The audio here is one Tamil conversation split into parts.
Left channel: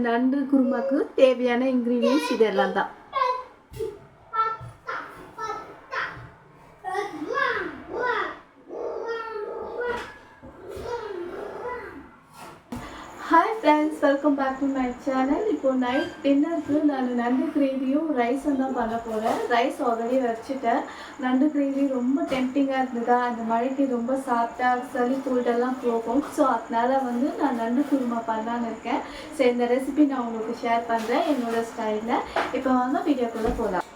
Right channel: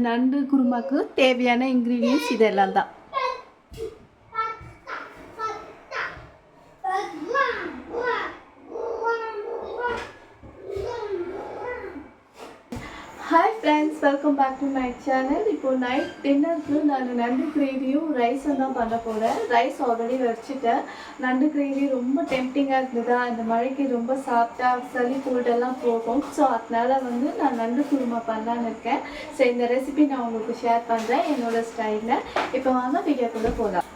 நண்டு குருமாக்கு தேவையான இன்க்ரீடியன்ஸ் இதெல்லாம் தான் பேக் டு மை சேனல் இப்போ நைட் டின்னருக்கு நான் நண்டு கிரேவியும் ரைஸும் தான் பண்ண போகிறேன் ரைஸ் ஆல்ரெடி வச்சுட்டேன். நண்டு கிரேவி ரொம்ப டெம்டிங்காக இருந்ததா? அந்த மழைக்கு ரொம்ப சாப்பிட்டா சளி கோல்டெல்லாம் போகும். ஸோ அதனால வந்து நான் நண்டு குருமா பண்ணலான்னு இருக்கேன். ஸோ இந்த ரெசிபி நான் உங்களுக்கு ஷேர் பண்ணுறேன் என்னோட ஸ்டைலில் இப்போ வாங்க வீடியோக்குள்ளே போகலாம்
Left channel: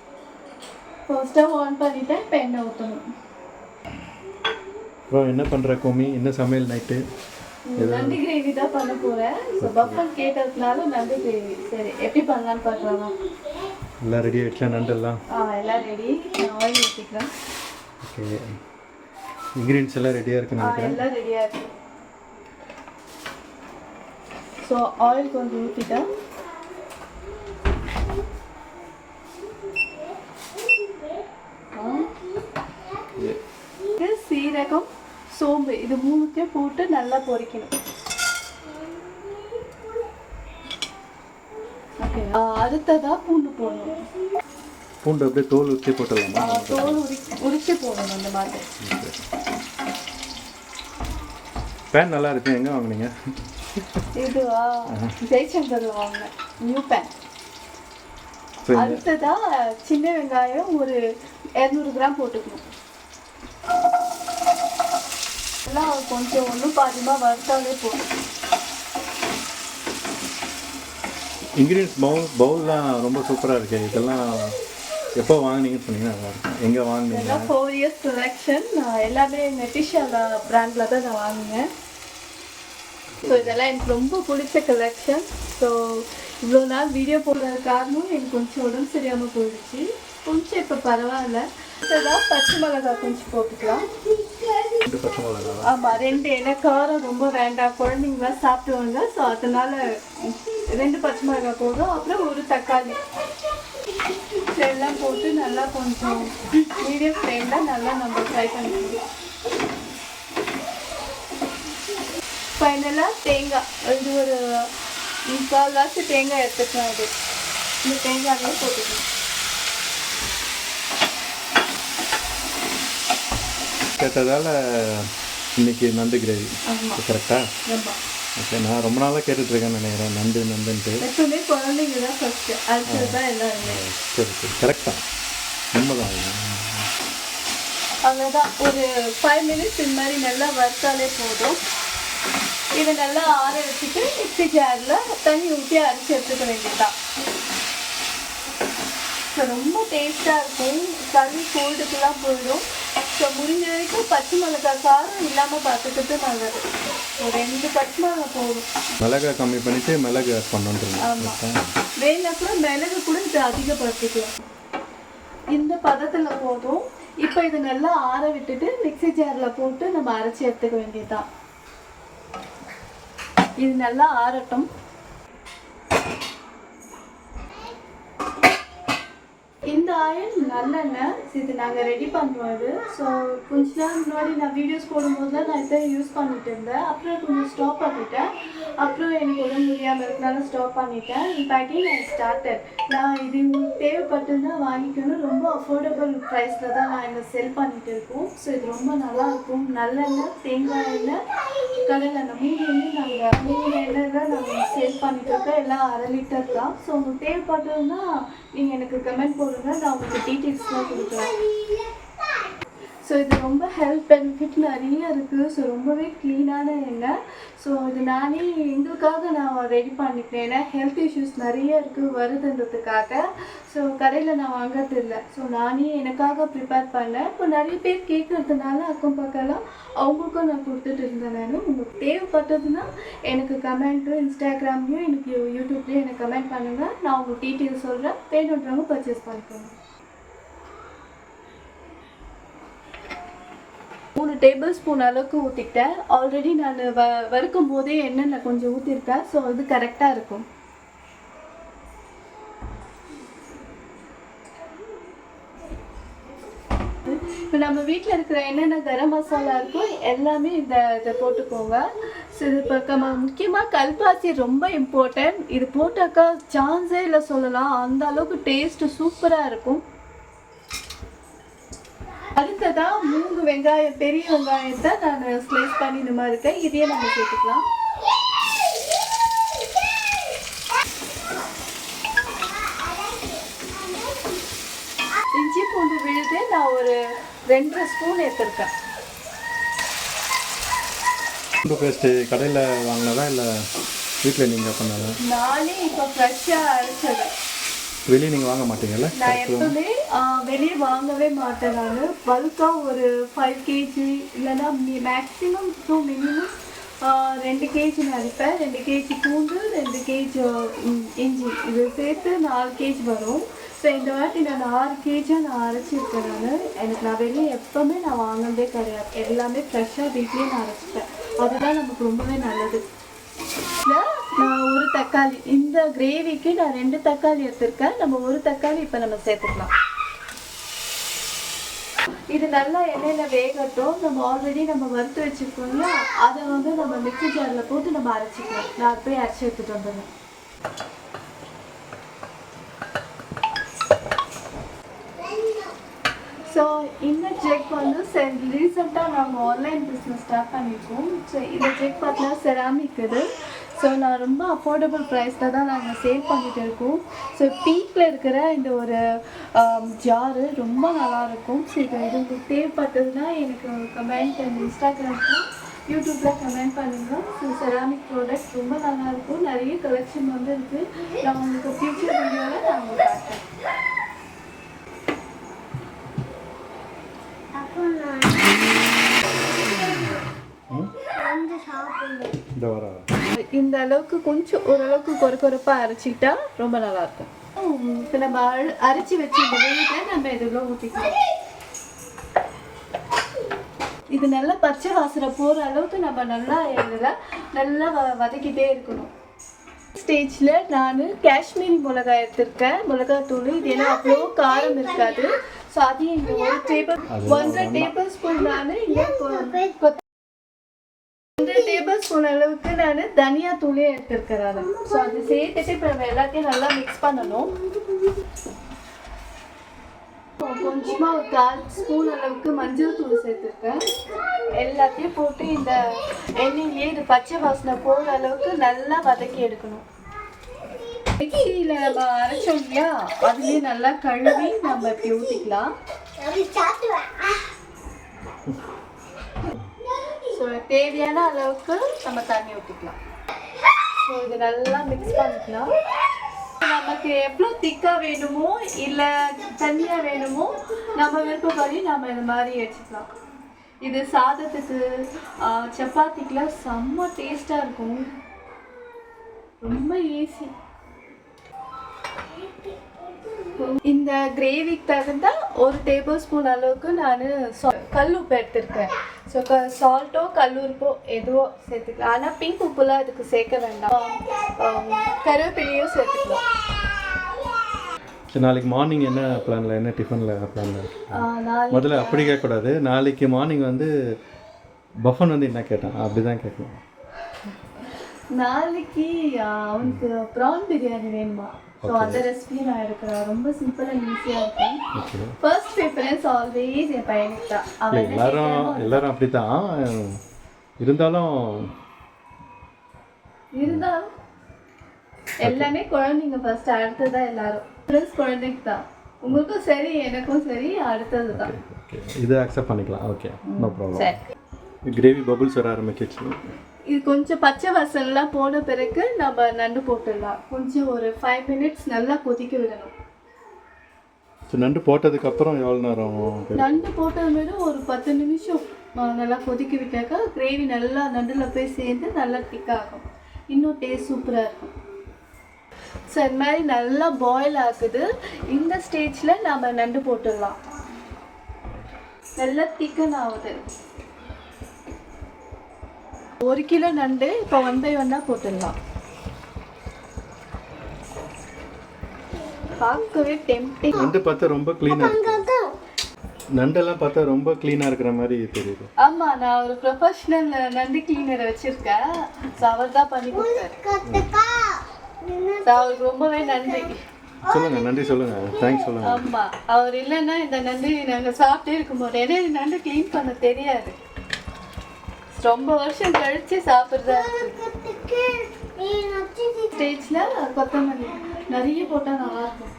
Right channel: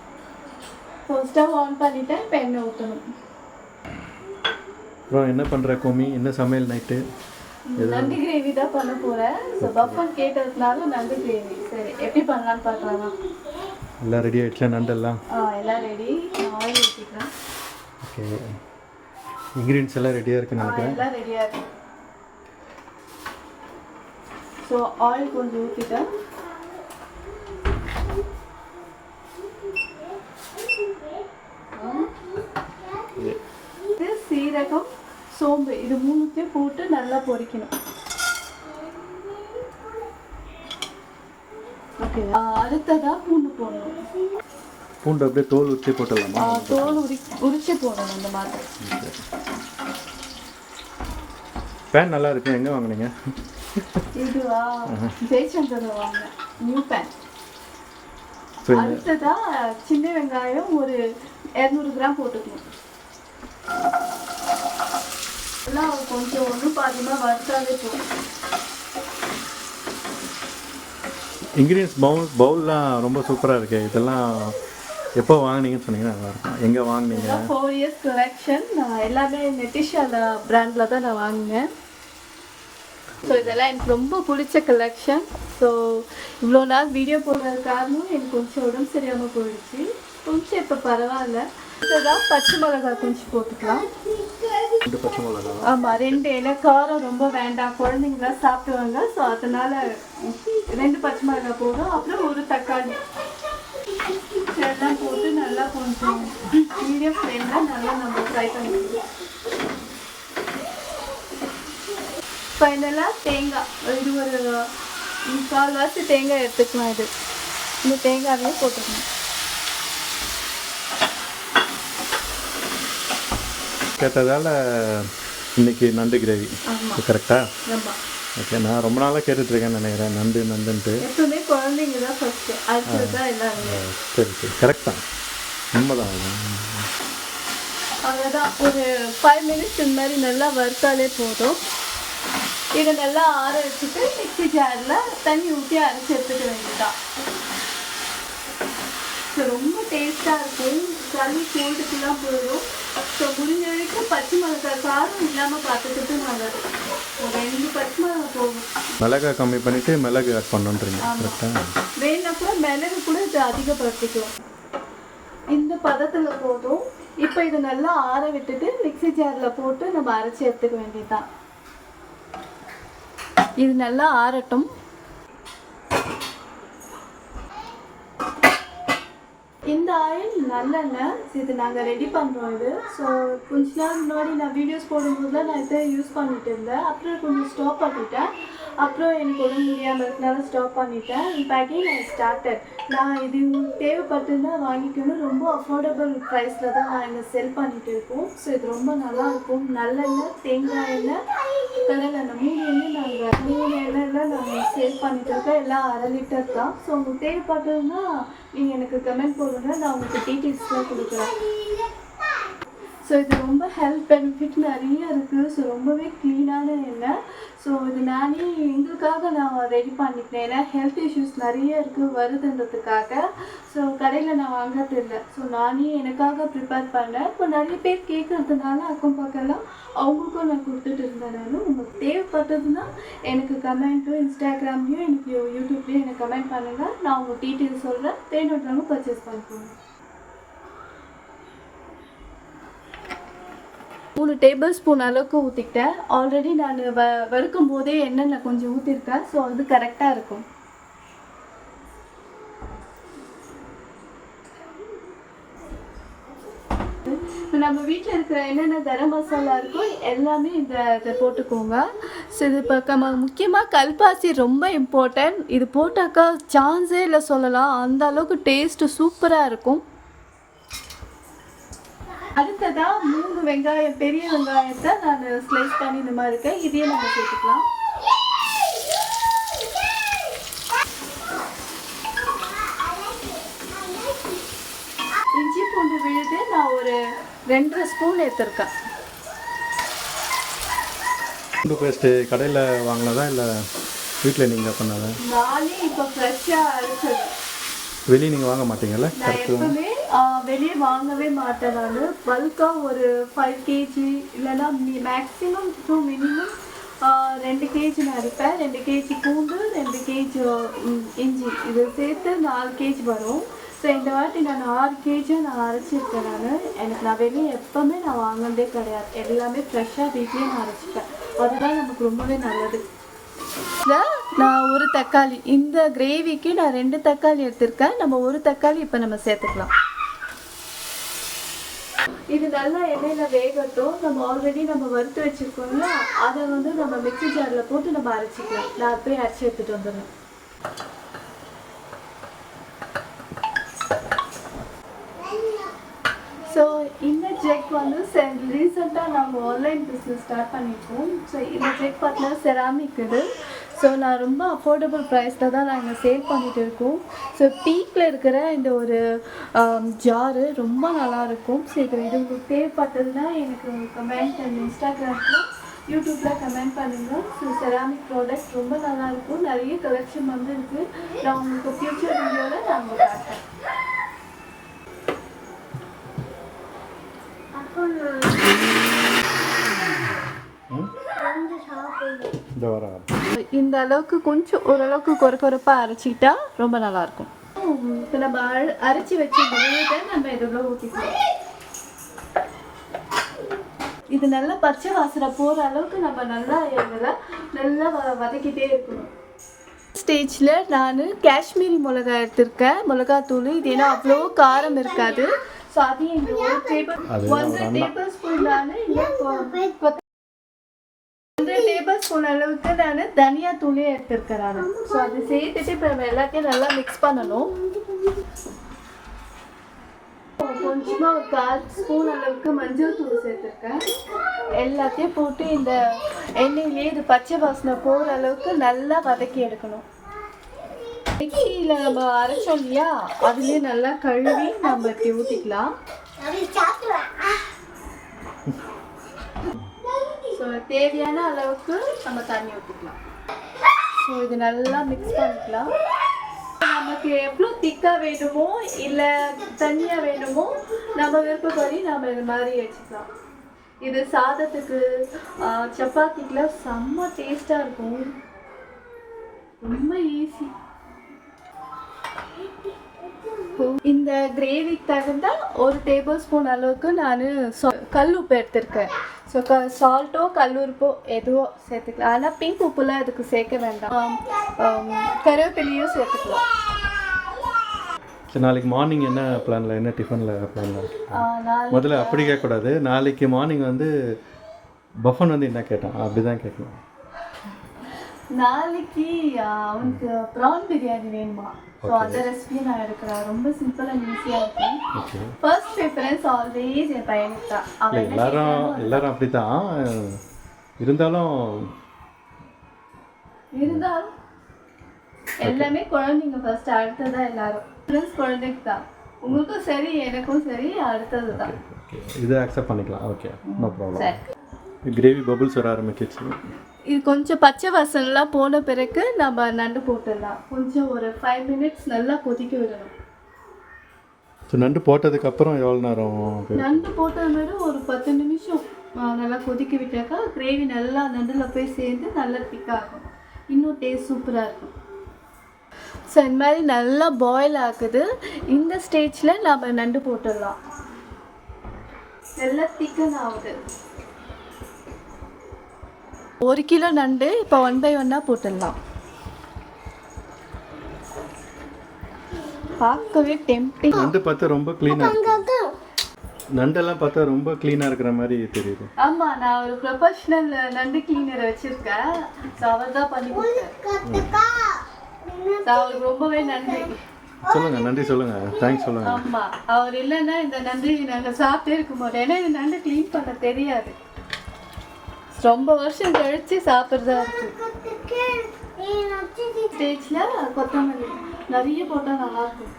இப்போ ஸ்டவ் ஆன் பண்ணிவிட்டேன் இப்போ எண்ணெய் ஊற்றணும் அப்புறம் என்ன பண்ணுற கோமி? என்ன சமையல் நைட்டு நண்டு கிரேவி தான் பண்ண போகிறேன் ஸோ பஃபன் கேட்டதுனால நண்டு கிரேவி சரி எப்படி பண்ணலான்னு பார்க்கலாமா? எல்லாம் ரெடி ஆகிடுச்சா நண்டெல்லாம்? ஆ எல்லாம் ரெடி ஆயில் ஊற்றிக்கிறேன் ஓகே இன்க்ரீடியன்ஸ் எல்லாம் ரெடியாக இருக்குன்னு ஆ நினைக்கிறேன். எல்லாம் ரெடியாக இருக்கு. ஸோ ஆயில் கொஞ்சம் ஊற்றிட்டேன் இது மூணுத்தையும் போட்டு நல்லா பொரிக்கணும் ஓகே அடுத்ததாக பூண்டு போடணும். பூண்டு அப்படியே தோல் ஊற்றி போட்டுடலாமா? தோல் உரி உரிச்சு போடணும் அந்த மாதிரி. பேன் நல்லா இருக்கு. எங்கே வாங்குனீங்க? இதுவா? ஜெயச்சந்திரில் வாங்கினேன் நியூ பேன் அடுத்ததா சின்ன வெங்காயம் ஒரு இரநூறு கிராம் போட்டுக்கணும். எல்லாம் கொஞ்சம் ஒன்றும் பாதியமாக வறுத்தாலே போதும். இன்க்ரீடியன்ஸ் பவுல் பவுல்லாம் ரொம்ப சூப்பராக இருக்கு. இதெல்லாம் எப்போ வாங்குனீங்கன்னு சொன்னீங்கன்னா நல்லாயிருக்கும் எங்கே வாங்குனீங்க? இதெல்லாம் ஃபோர் இயர்ஸ் கலெக்ஷன் நான் எல்லாமே நெட்டிஷால பிராண்டில் தான் நான் வாங்கினேன். ஸோ இதெல்லாம் எனக்கு ரொம்ப பிடிச்ச கலெக்ஷன் ஸோ இவ்வளோ நாள் வீடியோ போடுறது காரணம் எனக்கு கொஞ்சம் உடம்பு சரியாமல் போயிடுச்சு. கொஞ்சம் இப்போ பரவாயில்ல. அடுத்ததாக பச்சை மிளகாய் கொஞ்சம் போட்டுக்கலாம். ரெண்டு பச்சை மிளகா ஆமாம் ரெண்டு ஏன்னா காரம் ரொம்ப வேண்டாம். குழந்தைங்களாம் சாப்பிடுவாங்க. ஸோ அதனால ரெண்டு பச்சை மிளகா போதும். அப்புறம் ஒரு தக்காளி. எல்லாம் போட்டு நல்லா கொஞ்சம் மீடியம் ஃப்ளேமில் நல்லா நம்ம ஃப்ரை பண்ணிக்கணும் ஃபைனலாக தேங்காய். இது ஒரு முக்கால்வாசி தேங்காய் எடுத்துக்கலாம் இது. இந்த தேங்காயே போட்டுக்கணும் கேட்டதால் இன்னைக்கு நண்டு கிரேவி. கரெக்டாக ஆமாம் ஓகே நான் ரொம்ப நாளாக கேட்டுட்ருக்கேன்னு நினைக்கிறேன். நண்டு நண்டுன்ட்டு. சரி சரி. கரெக்டாக உண்மைதான் அவ்வளோதான் ஒரு ஃபைவ் மினிட்ஸ் இந்த மாதிரி நல்லா வறுத்தாலே போதும். இதை நல்லா ஆற வச்சுட்டு மிக்ஸி ஜாரில் தண்ணி ஊற்றி அரைச்சி எடுத்துக்க வேண்டியதுதான். ரொம்ப டேஸ்ட்டாக இருக்கும். சளி கோல்டுக்கெல்லாம் போயிடும் ஸோ முடிஞ்ச வரைக்கும் பச்சை மிளகாய் காரம் இல்லாமல் பார்த்துக்கிறது நல்லது ஒரு ரெண்டு பச்சை மிளகாய் போதும். மிளகா கம்மி பண்ணிவிட்டு மிளகு ஆட் கரெக்டாக வேணா கூட மிளகு கூட இது அதிகப்படுத்திக்கலாம். இந்த பதத்தில் போதும். இப்போ இதை நல்லா ஆற விட்டுட்டு மிக்ஸி ஜாரில் போட்டு நம்ம அரைச்சி எடுத்துக்க வேண்டியதுதான். இது நல்லா ஆறட்டும் இந்த ஆயில் நல்லெண்ணெய். இது நாங்கள் ரெடி பண்ணுறோம் இது. ஸோ கொஞ்ச நாள் முன்னாடி நான் வீடியோஸ் போடும்போது தான் நான் இதை யூஸ் பண்ணிட்டு இருந்தேன். அப்புறம் கொஞ்சம் ஸ்டாப் பண்ணிட்டேன். அப்புறம் எனக்கு உடம்பு முடியாமல் இருக்கனால ஸ்டாப் பண்ணிட்டேன். இப்போ அகைன் நான் ஸ்டார்டட் நான் இது உங்களுக்கு வாங்கிக்கணும். ரொம்ப அஃபோர்டபுள் ப்ரைஸில் தான் நான் என்ன செல் பண்ணிட்டு இருக்கோம். ஸோ இது ரொம்ப நல்லா இருக்கும். நல்லெண்ணெய் தேங்காய் எண்ணெய் கடலை அந்த மூணு எண்ணெய் நாங்கள் மூணு எண்ணெயில் நாங்கள் சேல் பண்ணிட்டு இருக்கோம் எல்லாம் அரை லிட்டர் தான். ஸோ உங்களுக்கு தேவைப்பட்டதுன்னா நீங்கள் எனக்கு கமெண்ட் போடுங்க. நான் உங்களுக்கு டீட்டெயில்ஸ்லாம் கொடுக்குறேன். ஸோ இது ரொம்ப ஹெல்த் பெனிஃபிட் நிறைய இருக்குது ஸோ ரொம்பவே க்ளீனான எண்ணெய். ஸோ இது நானே எங்களுக்காக நான் ரெடி பண்ணிக்கிறேன். ஏன்னா ஹெல்த் இஷ்யூஸ் நிறைய இருக்குது வருதுன்றதுக்காக. ஸோ கடையில் நான் வாங்குறது இல்லை. ஸோ நானே எனக்காக ப்ரிப்பேர் பண்ணேன். இப்போ நிறைய பேர் கேட்குறதுனால அக்கம் பக்கம்லாம் அவங்களுக்கும் நான் கொடுத்துட்டு இருந்தேன் நான். உங்களுக்கு தேவைப்பட்டதுன்னா எனக்கு கமெண்ட்டும் இன்ஸ்டாகிராம்லேயும் எனக்கு யூடியூப்லேயும் எனக்கு கமெண்ட் பண்ணுங்கள் நான் உங்களுக்கு டீட்டெயில்ஸ் சொல்கிறேன் வேணுன்றவங்க பர்ச்சேஸ் பண்ணிக்கோங்க. மூணு டேபிள் ஸ்பூன் அளவுக்கு ஊற்றிக்கிட்டேன் ஆல்ரெடி நான் வ வறுக்கும் போதே எண்ணெய் கொஞ்சம் ஊற்றிருக்கேன் ஸோ அது கரெக்டாக இருக்கும். இப்போ நம்ம வீட்டில் இருக்கிற என்னென்ன கரம் மசாலா இருக்கோ எல்லாமே இந்த இதை போட்டுக்கோங்க. ஸோ இது இப்போ நம்ம முக்கியமாக கல்பாசி ரொம்ப இம்பார்ட்டன்ட் இது போட்டாக்கா சான்ஸே இல்லை சொல்லலாம். அந்த அளவுக்கு டேஸ்ட்டு சூப்பராக இருக்கும். அடுத்ததா மூணு வெங்காயம் பெரிய வெங்காயத்தை நான் ஸ்லைஸ் பண்ணி இந்த மாதிரி இருக்கேன். இதையே நம்ம சேர்த்துக்கலாம். இஞ்சி பூண்டு விழுது நான் ஒரு ரெண்டரை ஸ்பூன் எடுத்திருக்கேன். பூண்டு பேஸ்ட்டு கடையில் வாங்கினதா இல்லை வீட்டில் நீங்கள் பண்ணதா? நானே இப்போ ஃப்ரெஷ்ஷாக அரைச்சது. வெளியே நீங்கள் வாங்க மாட்டீங்கல்ல? நான் எப்பவுமே வெளியே வாங்கவே மாட்டேன் நான். பல்காக ஒரு ஃபைவ் கேஜி இல்லைன்னா மேக்ஸிமம் டூ மினிமம் ரெண்டு கேஜி நான் அரைப்பேன் ரெண்டு கேஜி பூண்டு ரெண்டு கேஜி இஞ்சி. இது சேர்த்து நாலு கேஜி வரும். ஸோ இந்த வாட்டி நான் ஆறு கேஜியும் நான் அரைச்சிருக்கேன் நான். எனக்கு நான் வெளியே எப்போவுமே நான் வாங்கினதே கிடையாது. எல்லாமே ஃப்ரெஷ்ஷாக வீட்லேயே நான் அரைச்சிப்பேன். அதுதான் நமக்கு ரொம்பவே நல்லது. ஒரு தக்காளி. இந்த கிரேவிக்கு நான் ரெண்டு தக்காளி எடுத்திருக்கேன். நம்ம ஒரு தக்காளி இப்போ நம்ம சேர்த்துக்கலாம். இது நல்லா எண்ணெயில் வேகட்டும். நம்ம ஆல்ரெடி நம்ம வறுத்து வச்சிருக்கோம்ல அதை வந்து நம்ம மிக்ஸி ஜாரில் போட்டு நம்ம அரைச்சிக்கலாம். நான் போய் அரைச்சி எடுத்துட்டு வந்துடுறேன். ஸோ இந்த செக் வந்து ரீசெண்டாக நாங்கள் ஆன்லைன் பிஸ்னஸ் ஸ்டார்ட் பண்ணியிருக்கோம் ஸோ இந்த செக் பார்த்தீங்கன்னா செராமிக் இது. ஸோ நான் ரொம்ப அஃபோர்டபுள் ப்ரைஸில் தான் நாங்கள் சேல் பண்ணிட்டு இருக்கோம். ஸோ பீக்கில் இருக்கிற இந்த ஒரு ஜாரு ரொம்ப நல்லாயிருக்கும் ஸோ இது இது உங்களுக்கு தேவைப்பட்டதுன்னா எனக்கு கமெண்ட் அண்ட் இன்ஸ்டாகிராமில் யூடியூப்பில் கமெண்ட் பண்ணுங்கள் ஸோ செராமிக் ப்ராடக்ட் ரொம்ப நல்லாயிருக்கும் நிறைய கலெக்ஷன் வந்து இருக்குது நான் உங்களுக்கு ஃப்யூச்சர் வீடியோவில் நான் உங்களுக்கு காட்டுறேன். இந்த வர. இந்த அளவுக்கு கொஞ்சம் ஓரளவுக்கு கொர கொரப்பாக அரைச்சிக்கிட்டா ரொம்ப நல்லாயிருக்கும். இப்போ நம்ம அர- அரைச்சி வச்சு இந்த நம்ம இதுக்குள்ள ஊற்றிக்கலாம் இது நல்லா பச்சை வாசனை போகிற அளவுக்கு நம்ம நல்லா இதில் நல்லா வ வதக்கிட்டே இருக்கணும். ஸ்டேஜில் நான் காஷ்மீரி மிளகாய் எடுத்திருக்கேன். மிளகாத்தூள் இது ஏன்னா அவ்வளோ காரம் இருக்காது. ஸோ அதையும் இங்கே ஒரு டேபிள் ஒன்றரை டேபிள் ஸ்பூன் நான் இங்கே டேபிள் அளவுக்கு நான் தனியா தூளே எடுத்திருக்கேன் ஸோ அது சேர்த்துட்டு இப்போ நம்ம எல்லாத்தையும் நல்லா மிக்ஸ் பண்ணணும். கொஞ்சமாக ஒரு கால் ஸ்பூன் அளவுக்கு மஞ்சள் தூள் சேர்த்துருக்கேன். எல்லாத்தையும் போட்டு இந்த எண்ணெயிலே இது பச்சை வாசனை போகிற அளவுக்கு நல்லா வதக்கி எடுக்கணும். மிக்சியில் நம்ம அரைச்சோம் இல்லையா? அதுலேயே நல்லா கழுவி நம்ம இப்படி ஊற்றிக்கலாம் தேவையான அளவுக்கு நம்ம தண்ணி ஊற்றிக்கலாம் ஸோ இது நல்லா மிக்ஸ் பண்ணிக்கலாம். நமக்கு எவ்வளோ திக்காக வேணுமோ இல்லை தண்ணியாக வேணுமோ நம்ம விருப்பப்படி நம்ம இது மாதிரி வச்சுக்கலாம் இது சாதத்துக்கு சப்பாத்திக்கெலாம் செம்ம டேஸ்ட்டாக இருக்கும். ரொம்ப ஈஸி இந்த கிரேவிக்கு தகுந்த ஒரு டேபிள் ஸ்பூன் அளவுக்கு நான் கல் உப்பு எடுத்திருக்கேன். ஸோ க சால்ட்டோ கல்லுப்போ எதுவோ சேர்த்துக்கலாம். ஆனால் பிங்க் உப்புலாம் இதுக்கு சேர்க்க வேண்டாம். கருவேப்பிலையும் சேர்த்துக்கலாம். சரி நாளைக்கு மார்னிங் என்ன பிளானில் என்ன டிஃபனில் பிளானில் முதல்ல அப்படி கேட்கக்கூடாது. நாளைக்கு மார்னிங் வந்து பஃபன் வந்து என்ன கேட்டான்? அப்படி தான் கேட்கணும். நாளைக்கு அவனுக்கு ப்ரான் பிரியாணி வேணுமா? ஸோ அந்த ரெசிபியை நான் எடுக்கிறேன். ரொம்ப சிம்பிள் அண்ட் ஈஸியாக இருக்கும் ஃபர்ஸ்ட் ப்ரிஃபரன்ஸ் ஆல்வேஸ் என் பையனுக்கு தான் அவன் எல்லாரும் எல்லாரும் அப்படி தான் இருந்தாலும் இருந்தாலும் எல்லாமே குழந்தைங்க ஃபர்ஸ்ட் அடுத்ததா எல்லாரும். ப்ளஸ் குழந்தைக்கு தான் உங்களுக்கும் சரி எனக்கும் சரி அடுத்தது தான் இதை அக்செப்ட் பண்ணிக்கலாம். Okay no problem gravy bubbles வர ஆரம்பிச்சிச்சு இது கொஞ்சம் பச்சை வாசனைலாம் போன பிறகு நம்ம நண்டு போட்டுடலாம். கொஞ்சம் ஒரு ஃபைவ் மினிட்ஸ் நல்லா கொதிக்க விடணும். ஸோ நண்டு போட்டதுக்கப்புறம் எவ்வளோ நேரம்? நண்டு போட்டது மாதிரி ஒரு பத்து நிமிஷம் நல்லா கொதிக்க விட்டாக்கா கிரேவி நல்லா நண்டில் போய் சேர்ந்து நல்லா திக்காகும் இன்னும் டேஸ்ட் சூப்பராக இருக்கும். ஸோ இந்த மாதிரி நல்லா பாயில் ஆகுது. இந்த ஸ்டேஜில் நம்ம நண்டு போட்டுடலாம். நல்லா திக்கன் ஆகுது. ஒரு கிலோ நண்டு இப்போ ஒன் பை ஒன்னாக போட்டுடலாம். பார்க்கவே டெம்டிங் நண்டு பார்த்து ரொம்ப க்ளீனாக இருக்கு. நண்டெல்லாம் பார்த்தா ரொம்ப க்ளீனாக இருக்கிற மாதிரி தெரியுது. ஆமா நான் ஒரு ப்ரொஃபஷனல் நண்டு கிளீனரை வச்சிருக்கேன். ஸோ அவர் தான் பண்ணி கொடுத்தாரு. அவருக்கு ரொம்பவே நன்றி. சொல்லுங்கள் நன்றி சொல்லுங்கள் தேங்க்ஸ் சொல்லுங்கள் ஆமா அவர் இல்லைன்னா இந்த நண்டு நாங்க சாப்பிட்டே இருக்க மாட்டோம். ஏன்னா இந்த நண்டு க்ளீன் பண்ண தெரியாது. ரொம்ப வருஷம் கழிச்சு சாப்பிட்றதா ஸ்டேஜில் கொத்தமல்லி. நிறைய போட்டால் நல்லாயிருக்கும்.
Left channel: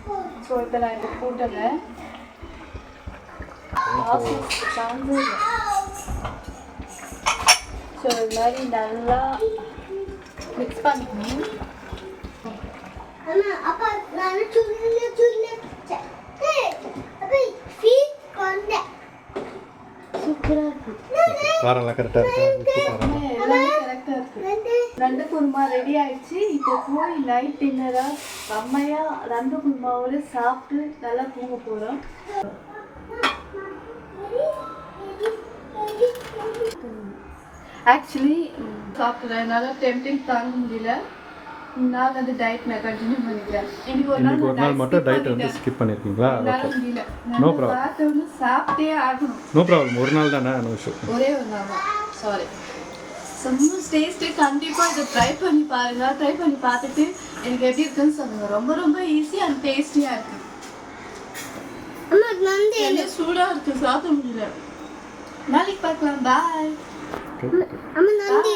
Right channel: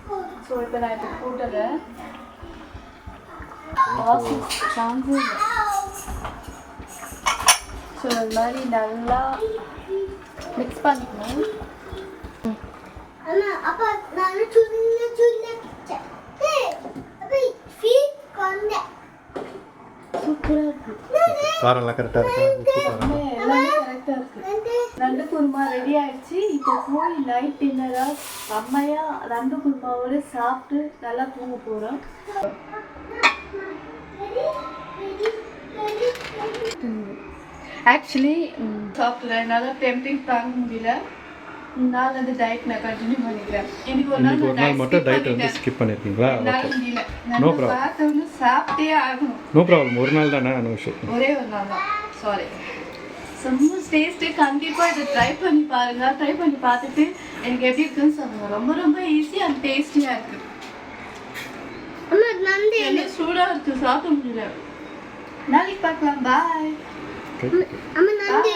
ஸோ இப்போ நான் இப்போ இல்லை ஸோ இது மாதிரி நல்லா மிக்ஸ் பண்ணிக்கணும் அப்ப நான் சுள்ள சுள்ள அப்ப ஃபீட் கொண்டேன் சூப்பராக இருக்குது காரம்லாம் கரெக்டாக இருக்கா? உப்பு காரம். ரெண்டு கரெக்டாக குருமா ரெடி ஆயிடுச்சு. இப்போ போய் நைட் டின்னரா அம்மையா ரெண்டு குருமாவோட சாப்பிட்டு நல்லா தூங்க போறோம். ஆக்சுவலி சாப்பிட்றேன் என்னால் டெம்டிங் தாங்க முடியல. நான் வந்து டயட் நான் கண்டினியூ பண்ணிக்கிறேன். இன்னைக்கு ஒரு நாள் நாள் மட்டும் டயட் வந்து. ஸ்கிப் பண்ணியிருக்கீங்களா என்னால ஓகே சாப்பிட்டே ஆகணும். நோ ப்ராப்ளம் ஒரு நாள் தானே நோ இஷ்யூ ஒரே ஒரு நாள் தான். சாரி செம்ம டேஸ்ட்டு கண்டிப்பாக இதை ட்ரை பண்ணி பாருங்க. ட்ரை பண்ணி பார்த்துட்டு எனக்கு எப்படி இருக்குன்னு சொல்லுங்க. ரொம்ப ரொம்ப ஈஸி அண்ட் டேஸ்டியாக இருக்கு. சூடாக இருக்கு. சாப்பிட முடியல. நாளைக்கு பார்க்கலாம். பாய் அம்மா நந்து